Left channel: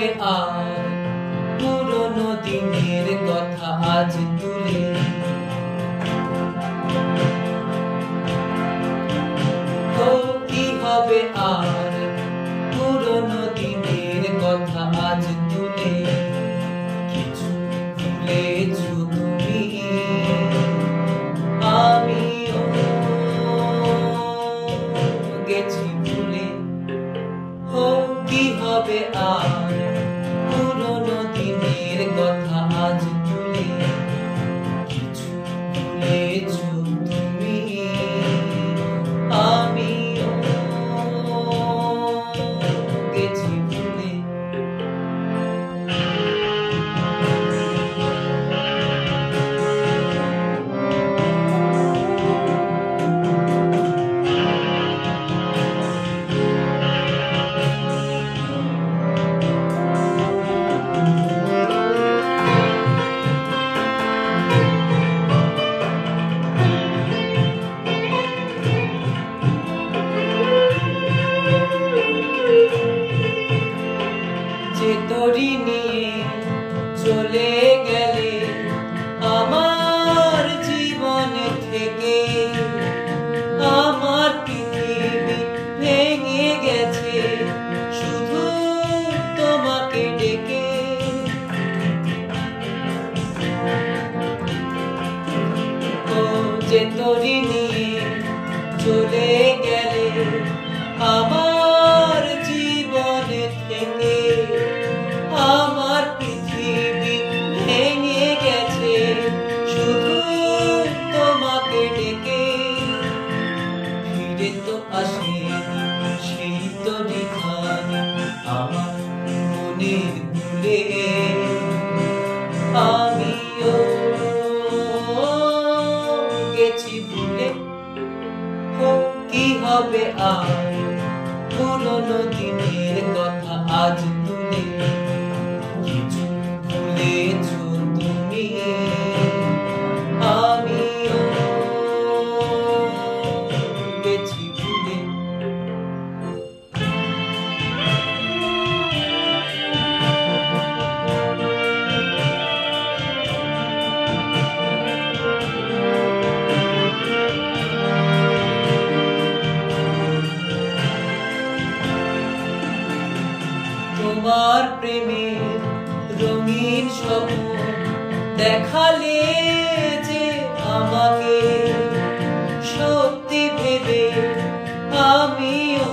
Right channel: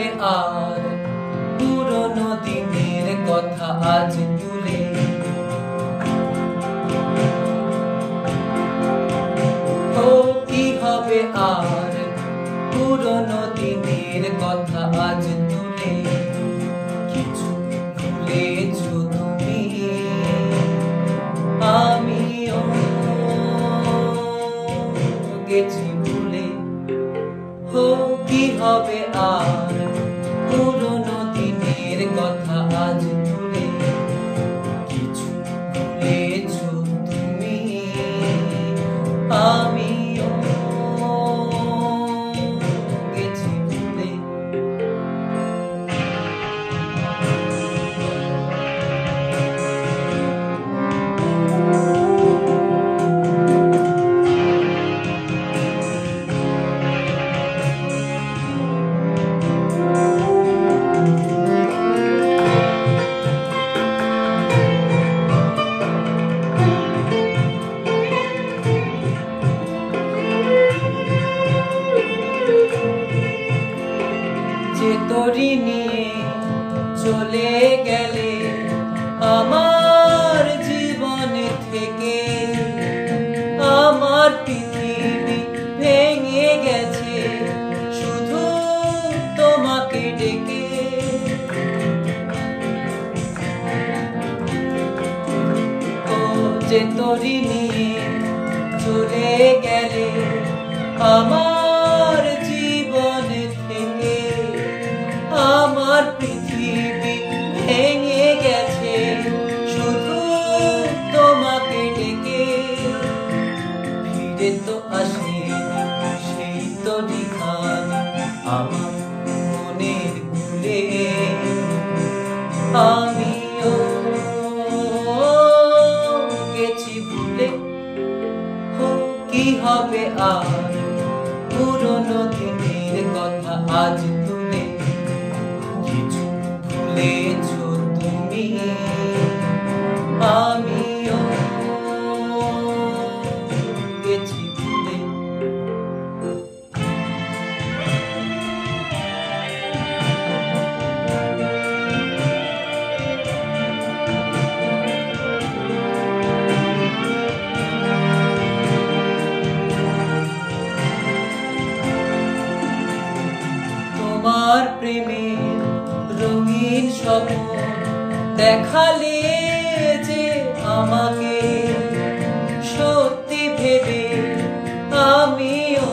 হবে আর পুরনো দিনের কথা আজ তুলে? ও কি হবে আর পুরনো দিনের কথা আজ তুলে? কিছু ভুলেছো তুমি, আমিও গেছি ভুলে। ও কি হবে আর পুরনো দিনের কথা আজ তুলে? কিছু ভুলেছো তুমি, আমিও গেছি ভুলে। যে তোরি নিয়ে চলে গেলে আমার জীবন থেকে, আমার পৃথিবী ভেঙে গেছে শুধু তোমাকে ডেকে। ও যে তোরি নিয়ে চলে গেলে আমার জীবন থেকে, আমার পৃথিবী ভেঙে গেছে শুধু তোমাকে ডেকে। ফিরে তো আসে সেই তো দিঘার আমার মনের ভুলে, আমিও গেছি ভুলে। কি হবে আর পুরনো দিনের কথা আজ তুলে? কিছু ভুলেছো তুমি, আমিও গেছি ভুলে। তোমার প্রেমের রঙিন স্বপ্ন দেখালে যে আমাকে, সত্যি ভেবে আমিও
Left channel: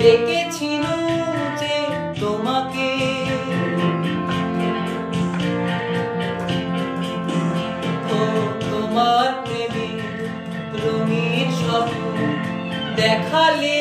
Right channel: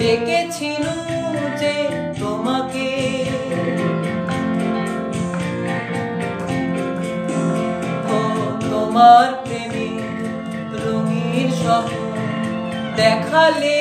ডেকেছিলাম যে তোমাকে। ও তোমার প্রেমের রঙিন স্বপ্ন দেখালে